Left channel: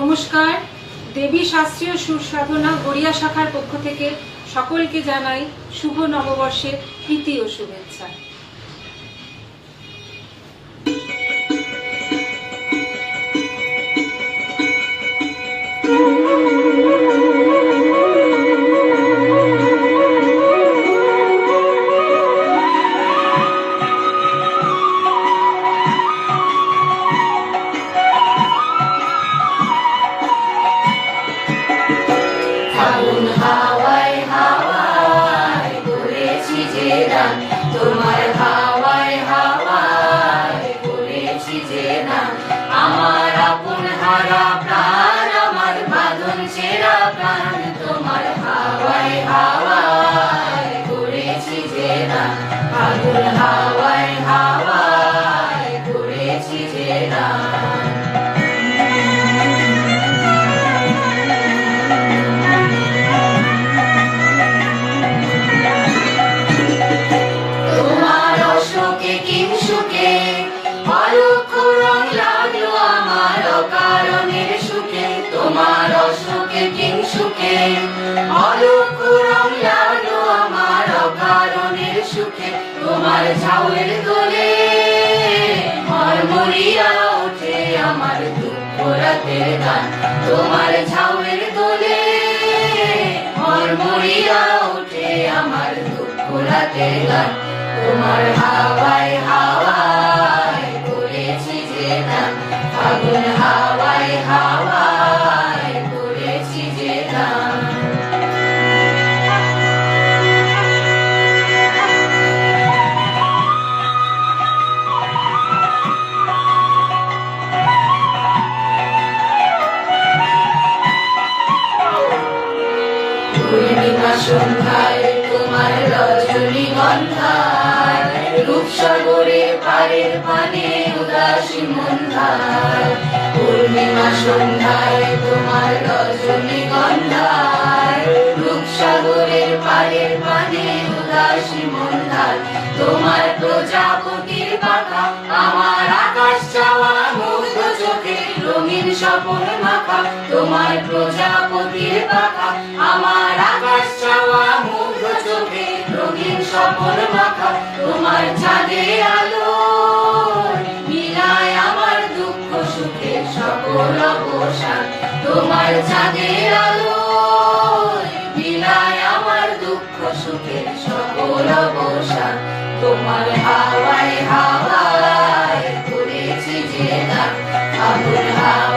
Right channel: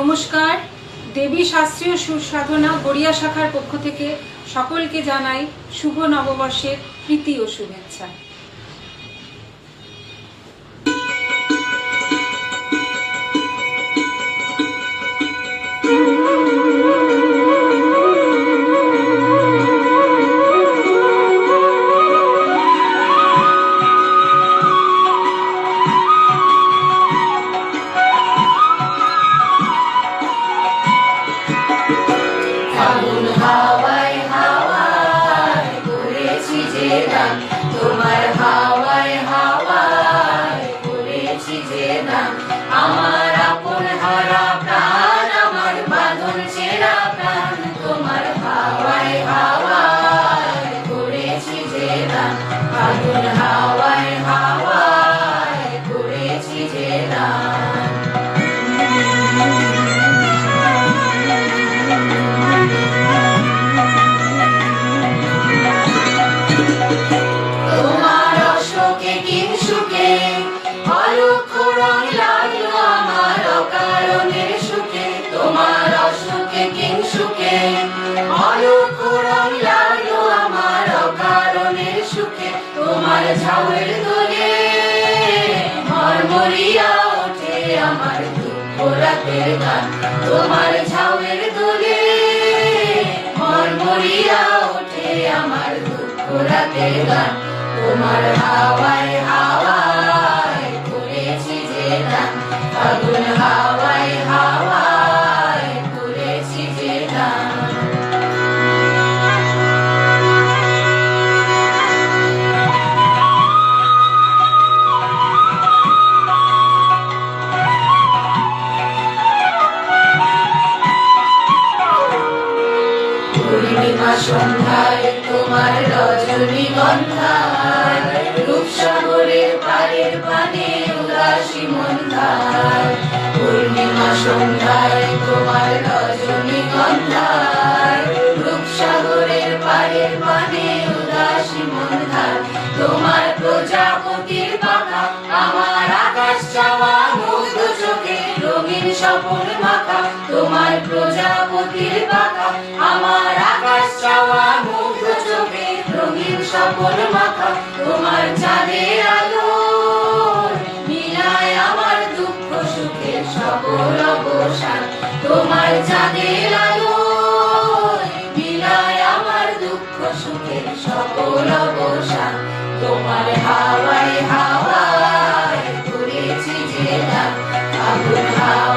নমস্কার। দেবী শাস্ত্রীয় সুর সাধনা গড়িয়া শাখার পক্ষ থেকে সকলকে জানাই শুভ নববর্ষের প্রীতি ও শুভেচ্ছা। ফাগুন হাওয়ায় হাওয়ায় করেছি যে গান, তোমার হাওয়ায় হাওয়ায় করেছি যে গান। আমার আপন হারা প্রাণ, আমার বাঁধন ছেঁড়া প্রাণ, তোমার হাওয়ায় হাওয়ায় করেছি যে গান। ফাগুন হাওয়ায় হাওয়ায় করেছি যে গান। তোমার ঝাউয়ের দোলে মরমরিয়া ওঠে আমার দুঃখ রাতের গান। তোমার ঝাউয়ের দোলে মরমরিয়া ওঠে আমার দুঃখ রাতের গান। তোমার হাওয়ায় হাওয়ায় করেছি যে গান, ফাগুন হাওয়ায় হাওয়ায় করেছি যে গান। পূর্ণিমা সন্ধ্যায় তোমার রজনীগন্ধায়, রূপসাগরে পারের পানে উদাসী মন্ধায়। পূর্ণিমা সন্ধ্যায় তোমার রজনীগন্ধায়, রূপসাগরের পারের পানে উদাসী মন্ধায়। তোমার প্রজাপতির পাখা আমার আকাশ চাওয়া মুগ্ধ চোখে রঙিন স্বপন মাখা। তোমার প্রজাপতির পাখা আমার আকাশ চাওয়া মুগ্ধ চোখে রঙিন স্বপন মাখা। তোমার চাঁদের আলো মিলায় আমার দুঃখ সুখের সকল অবসান। তোমার চাঁদের আলো মিলায় আমার দুঃখ সুখের সকল অবসান। তোমার হাওয়ায় হাওয়ায় করেছি যে গান, ফাগুন হাওয়ায়